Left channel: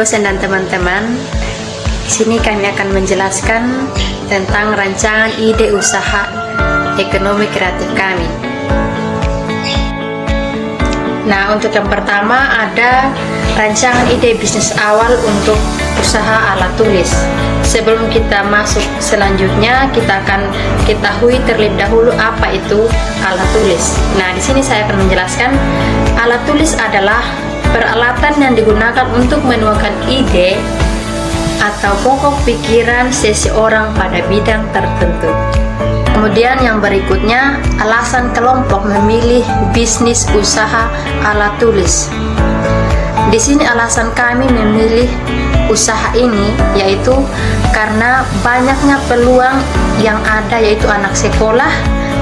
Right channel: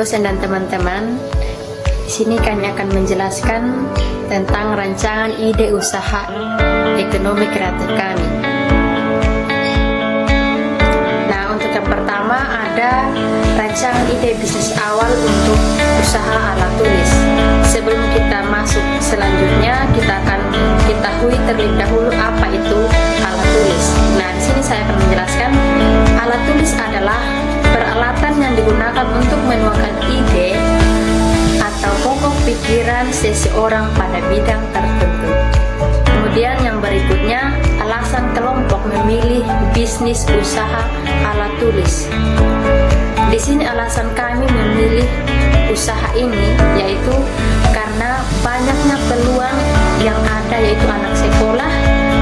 dosen dan teman-teman. Di sini kami akan menjelaskan tentang rancangan ide usaha ekonomi kreatif kami. Nah, untuk yang pertama ada rancangan ide bisnis awal untuk usaha alat tulis. Sebelum kita masuk selanjutnya, kita akan ketahui terlebih dahulu apa itu alat tulis. Nah, di sini saya akan menjelaskan alat tulis adalah peralatan yang digunakan untuk menuangkan ide atau pokok pikiran seseorang pada bidang tertentu. Kemudian yang berikutnya, alasan kelompok memilih bisnis usaha alat tulis. Di sini alasan kami memilih usaha ini yaitu karena banyaknya peluang yang ada, yaitu anak sekolah,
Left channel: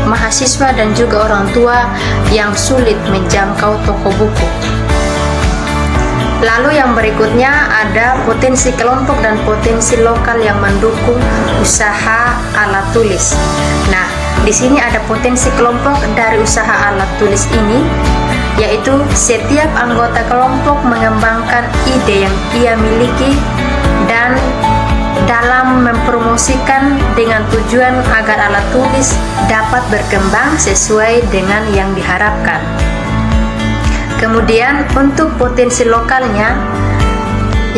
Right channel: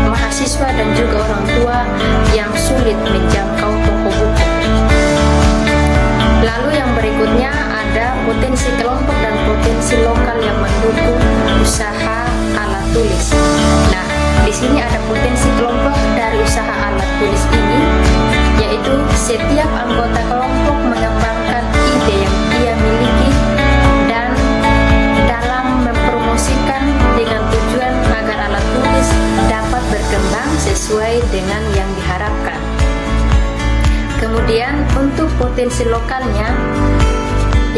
mahasiswa dan juga orang tua yang sulit menjangkau toko buku. Lalu yang berikutnya ada potensi kelompok dan potensi lokal yang mendukung usaha alat tulis. Nah, di sini ada potensi kelompok dari usaha alat tulis ini, yaitu setiap anggota kelompok mengembangkan ide yang dia miliki dan dalam mempromosikan dengan tujuan agar alat tulis dapat berkembang sesuai dengan yang diharapkan. Kemudian untuk potensi lokalnya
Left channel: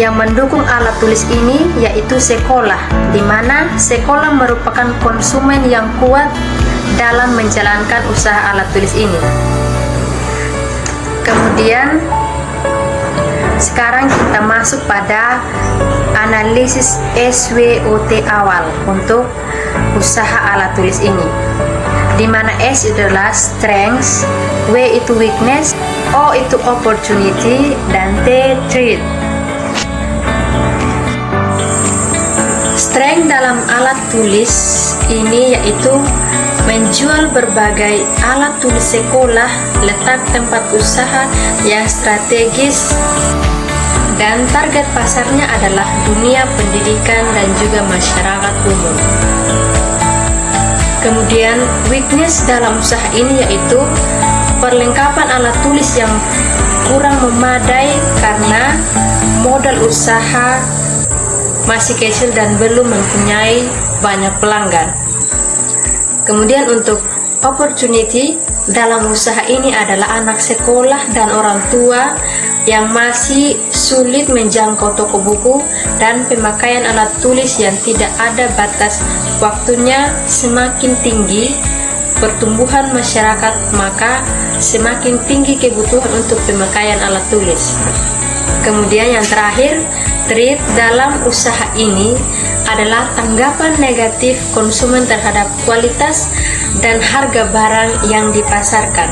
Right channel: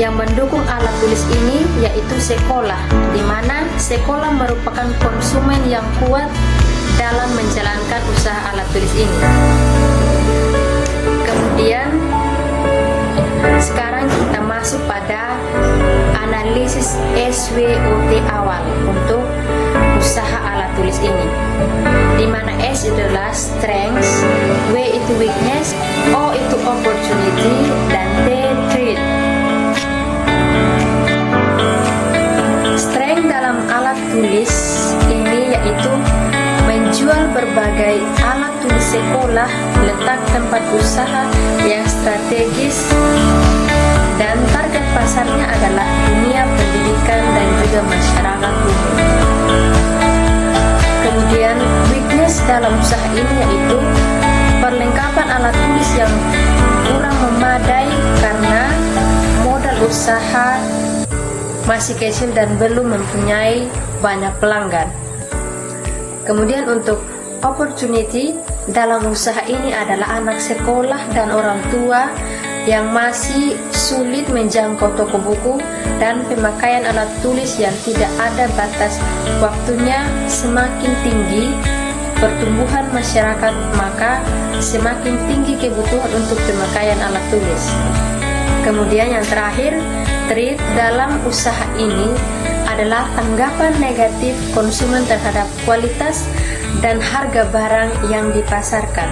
yang mendukung alat tulis ini yaitu sekolah, di mana sekolah merupakan konsumen yang kuat dalam menjalankan usaha alat tulis ini. Kemudian sekarang kita masuk pada analisis SWOT awal untuk usaha alat tulis ini, di mana S adalah strength, W itu weakness, O itu opportunity, dan T threat. Strength dalam alat tulis ini yaitu menjual berbagai alat tulis sekolah, letak tempat usaha yang strategis, dan target pasarnya adalah dunia pendidikan dan juga masyarakat umum. Kemudian weakness dalam usaha ini yaitu perlengkapan alat tulis yang kurang memadai karena modal usaha masih kecil dan belum mempunyai banyak pelanggan. Kemudian untuk opportunity dalam usaha ini adalah anak sekolah dan orang tua yang masih sulit menjangkau toko buku dan pemakaian alat tulis yang tidak ada batas waktunya semakin tinggi pertumbuhan masyarakat, maka semakin tinggi kebutuhan untuk pemakaian alat tulis. Kemudian yang terakhir, threat dalam usaha ini adalah tanggapan negatif konsumen terhadap kualitas dan harga barang yang dipasarkan.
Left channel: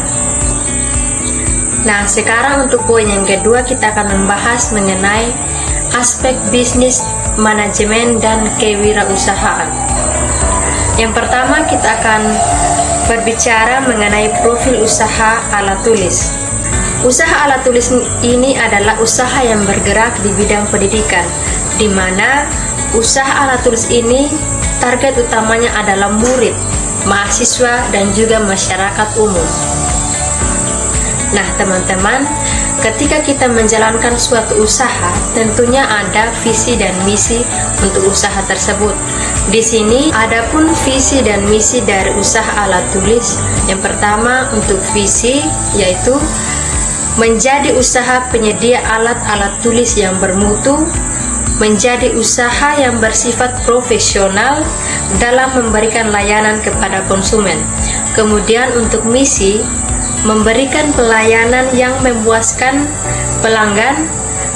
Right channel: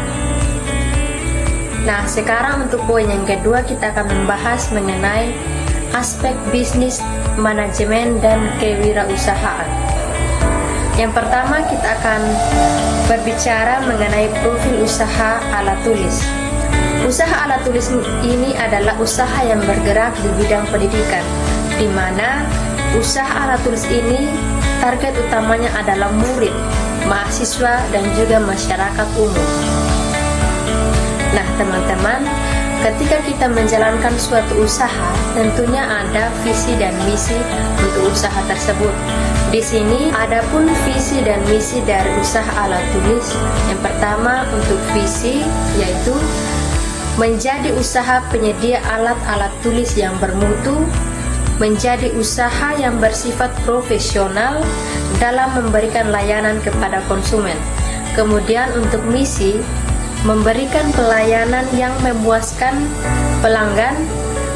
Nah, sekarang untuk poin yang kedua kita akan membahas mengenai aspek bisnis, manajemen, dan kewirausahaan. Yang pertama kita akan berbicara mengenai profil usaha alat tulis. Usaha alat tulis ini adalah usaha yang bergerak di bidang pendidikan, di mana usaha alat tulis ini target utamanya adalah murid, mahasiswa, dan juga masyarakat umum. Nah, teman-teman, ketika kita menjalankan suatu usaha, tentunya ada visi dan misi untuk usaha tersebut. Di sini adapun visi dan misi dari usaha alat tulis. Yang pertama untuk visi yaitu menjadi usaha penyedia alat-alat tulis yang bermutu, menjadi usaha yang bersifat profesional dalam memberikan layanan kepada konsumen. Kemudian untuk misi, memberikan pelayanan yang memuaskan pelanggan,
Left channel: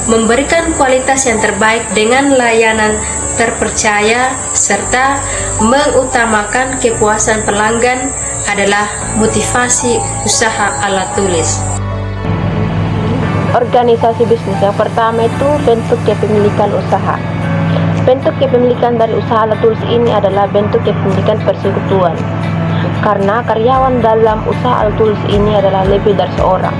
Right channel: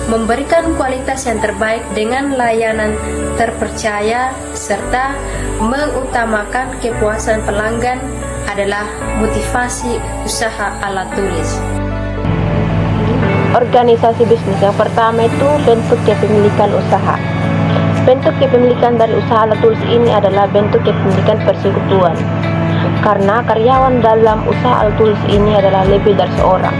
memberikan kualitas yang terbaik dengan layanan terpercaya, serta mengutamakan kepuasan pelanggan adalah motivasi usaha alat tulis. Organisasi bisnis yang pertama itu bentuk kepemilikan usaha. Bentuk kepemilikan dari usaha alat tulis ini adalah bentuk kepemilikan persekutuan. Karena karyawan dalam usaha alat tulis ini adalah lebih dari seorang.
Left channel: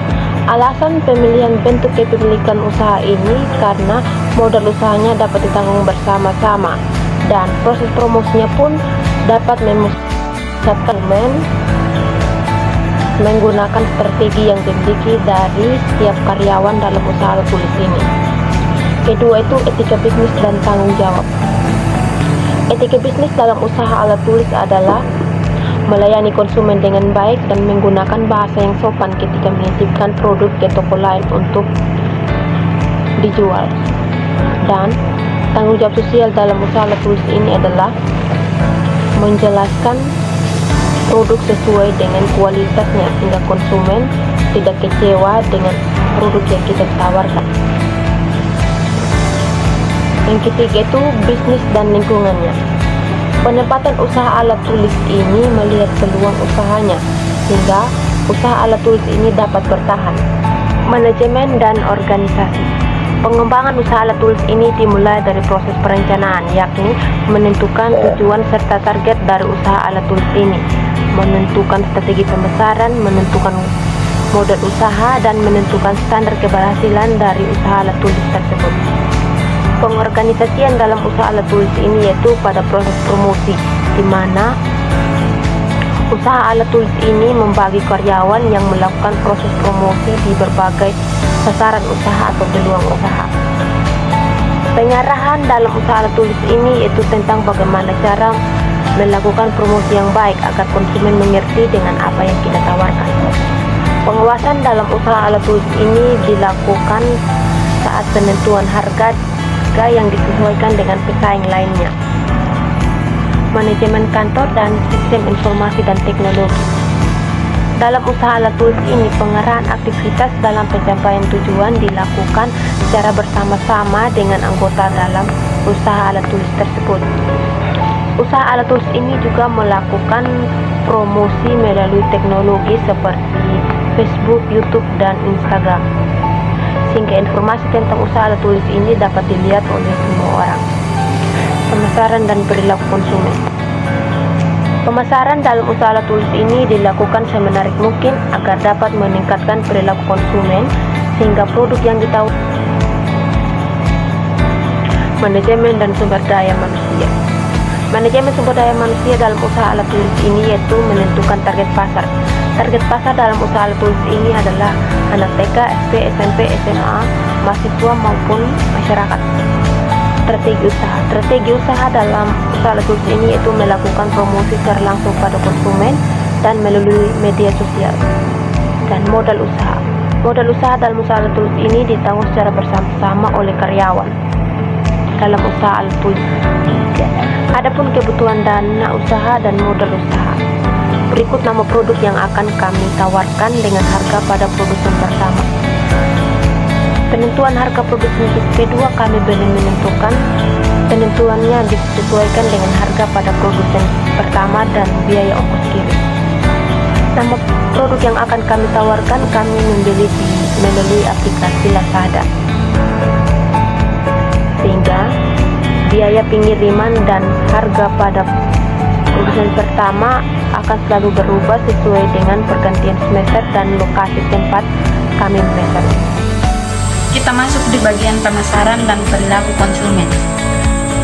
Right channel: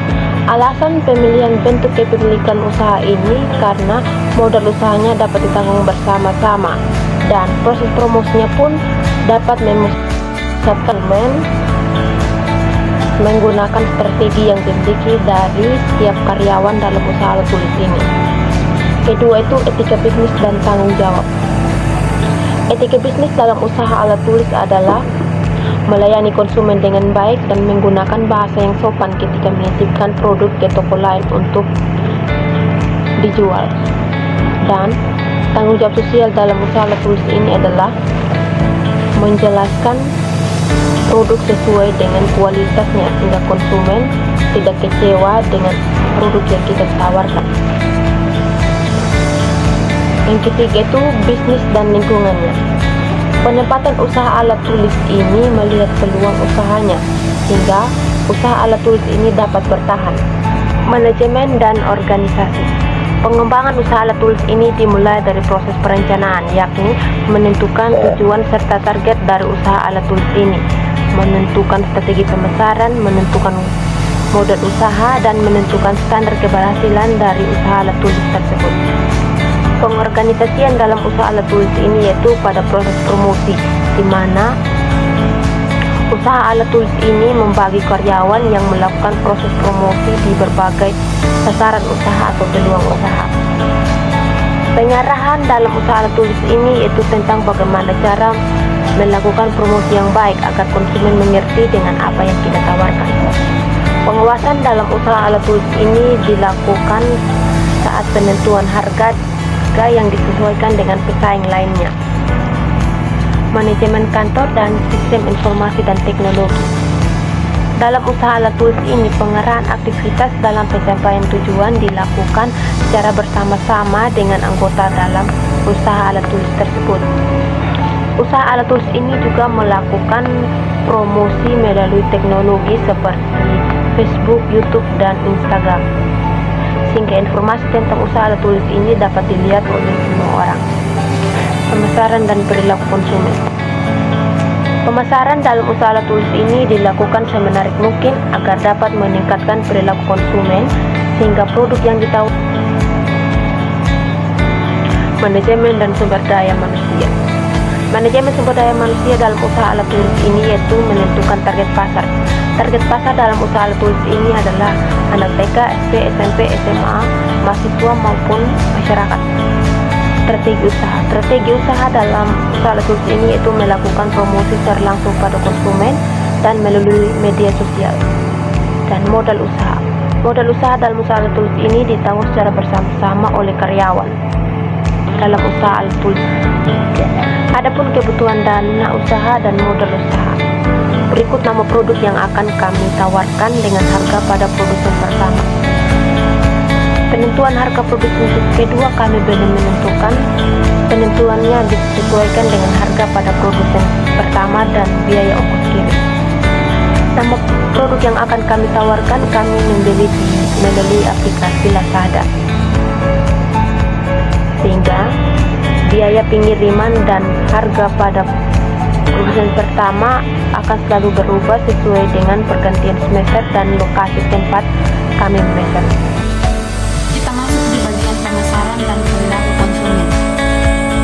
Alasan pemilihan bentuk kepemilikan usaha ini karena modal usahanya dapat ditanggung bersama-sama dan proses promosinya pun dapat memusatkan menggunakan strategi yang dimiliki dari setiap karyawan dalam usaha alat tulis ini. Kedua itu etika bisnis dan tanggung jawab. Etika bisnis dalam usaha alat tulis adalah melayani konsumen dengan baik dan menggunakan bahasa yang sopan ketika menitipkan produk ke toko lain untuk dijual. Dan tanggung jawab sosial dalam usaha alat tulis ini adalah menjelaskan produk sesuai dengan kualitasnya sehingga konsumen tidak kecewa dengan produk yang kita tawarkan. Yang ketiga itu bisnis dan lingkungannya. Penempatan usaha alat tulis ini melihat peluang usahanya sehingga usaha alat tulis ini dapat bertahan. Manajemen dan organisasi. Pengembangan usaha alat tulis ini dimulai dari proses perencanaan, yakni menentukan tujuan serta target dari usaha alat tulis ini, menentukan strategi pemasaran, menentukan modal usaha, dan menentukan standar keberhasilan dari usaha alat tulis tersebut. Pengorganisasian dalam usaha alat tulis ini yaitu pada proses promosi, di mana usaha alat tulis ini membagi karyawan yang melakukan proses promosi di berbagai sasaran usaha atau peluang usaha. Pengarahan dalam usaha alat tulis ini yaitu tentang bagaimana cara melakukan promosi yang baik agar konsumen mengerti dengan apa yang kita tawarkan. Pengawasan dalam usaha alat tulis ini dilakukan saat penentuan harga yang disesuaikan dengan pesaing lainnya. Manajemen kantor dan sistem informasi dan teknologi. Dalam usaha alat tulis ini, pengarahan aktivitas dalam pencapaian tujuan dilakukan secara bersama-sama dengan anggota dalam usaha alat tulis tersebut. Usaha alat tulis ini juga melakukan promosi melalui teknologi seperti Facebook, YouTube, dan Instagram, sehingga informasi tentang usaha alat tulis ini dapat dilihat oleh semua orang. Pemasaran dan perilaku konsumen. Pemasaran dalam usaha alat tulis ini dilakukan semenarik mungkin agar dapat meningkatkan perilaku konsumen sehingga produk yang ditawarkan. Manajemen dan sumber daya manusia. Manajemen sumber daya manusia dalam usaha alat tulis ini yaitu menentukan target pasar. Target pasar dalam usaha alat tulis ini adalah anak TK, SD, SMP, SMA, mahasiswa maupun masyarakat. Strategi usaha dalam usaha alat tulis ini yaitu melakukan promosi secara langsung pada konsumen dan melalui media sosial. Dan modal usaha. Modal usaha dalam usaha alat tulis ini ditanggung secara bersama-sama oleh karyawan dalam usaha alat tulis. Adapun kebutuhan dana usaha dan modal usaha. Berikut nama produk yang akan kami tawarkan dengan harga pada produsen pertama. Penentuan harga produsen kedua kami belum menentukan. Penentuannya disesuaikan dengan harga pada produsen pertama dan biaya ongkos kirim. Nama produk yang akan kami tawarkan kami membeli melalui aplikasi Lazada, sehingga biaya pengiriman dan harga pada produsen pertama akan selalu berubah sesuai dengan pergantian semester dan lokasi tempat kami memesan. Kita masuk di bagian pemasaran dan perilaku konsumen.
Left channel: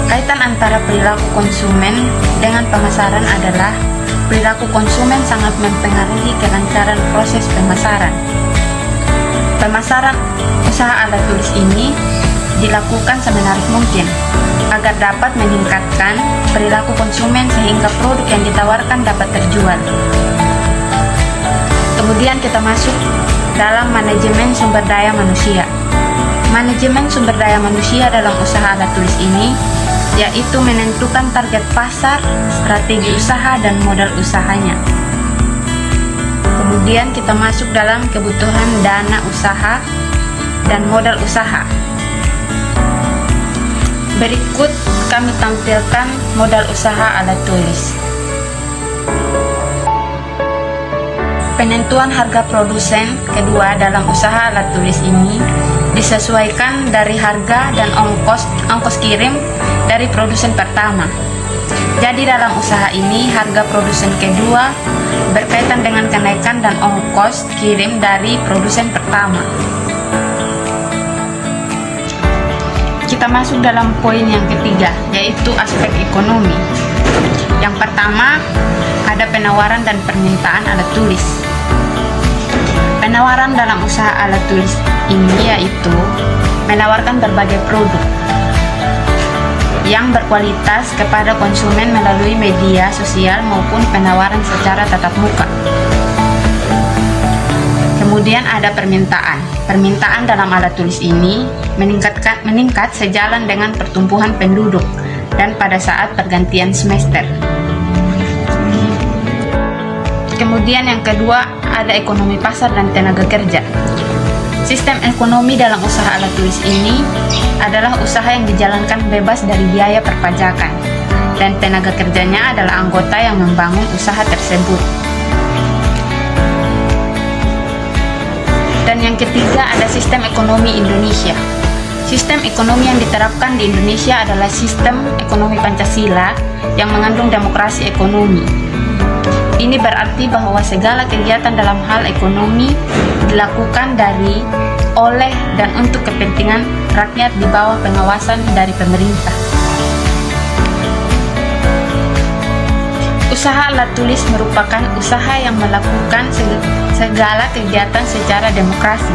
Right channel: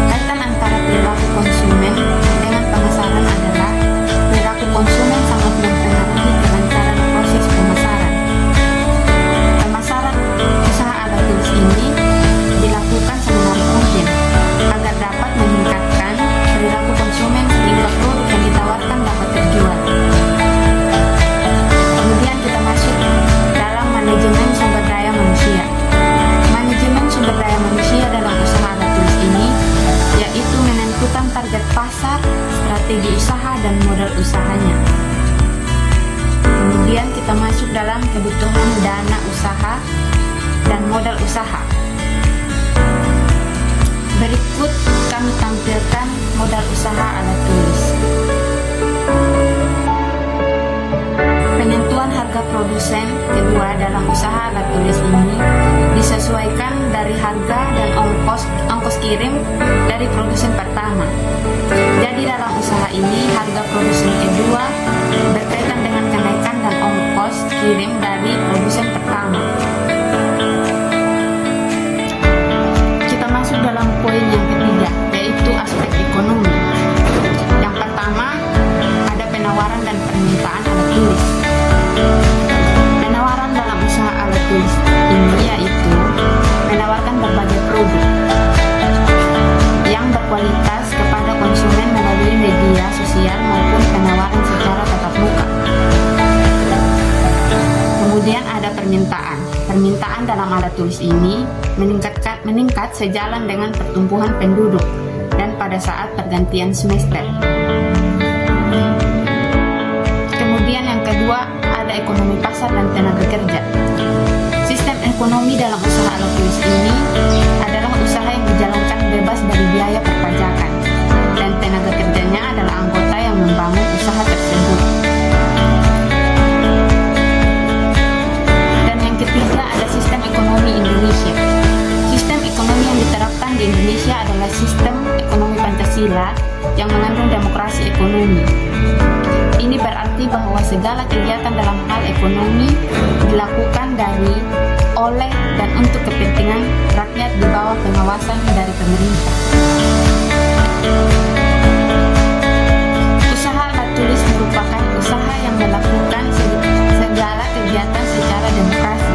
Kaitan antara perilaku konsumen dengan pemasaran adalah perilaku konsumen sangat mempengaruhi kelancaran proses pemasaran. Pemasaran usaha alat tulis ini dilakukan semenarik mungkin agar dapat meningkatkan perilaku konsumen sehingga produk yang ditawarkan dapat terjual. Kemudian kita masuk dalam manajemen sumber daya manusia. Manajemen sumber daya manusia dalam usaha alat tulis ini yaitu menentukan target pasar, strategi usaha, dan modal usahanya. Kemudian kita masuk dalam kebutuhan dana usaha dan modal usaha. Berikut kami tampilkan modal usaha alat tulis. Penentuan harga produsen kedua dalam usaha alat tulis ini disesuaikan dari harga dan ongkos kirim dari produsen pertama. Jadi dalam usaha ini harga produsen kedua berkaitan dengan kenaikan dan ongkos kirim dari produsen pertama. Kita masuk dalam poin yang ketiga, yaitu aspek ekonomi. Yang pertama, ada penawaran dan permintaan alat tulis. Penawaran dalam usaha alat tulis ini yaitu menawarkan berbagai produk yang berkualitas kepada konsumen melalui media sosial maupun penawaran secara tatap muka. Kemudian ada permintaan. Permintaan dalam alat tulis ini meningkat sejalan dengan pertumbuhan penduduk dan pada saat pergantian semester. Kemudian yang kedua ada ekonomi pasar dan tenaga kerja. Sistem ekonomi dalam usaha alat tulis ini adalah usaha yang dijalankan bebas dari biaya perpajakan dan tenaga kerjanya adalah anggota yang membangun usaha tersebut. Dan yang ketiga ada sistem ekonomi Indonesia. Sistem ekonomi yang diterapkan di Indonesia adalah sistem ekonomi Pancasila yang mengandung demokrasi ekonomi. Ini berarti bahwa segala kegiatan dalam hal ekonomi dilakukan oleh dan untuk kepentingan rakyat di bawah pengawasan dari pemerintah. Usaha alat tulis merupakan usaha yang melakukan segala kegiatan secara demokrasi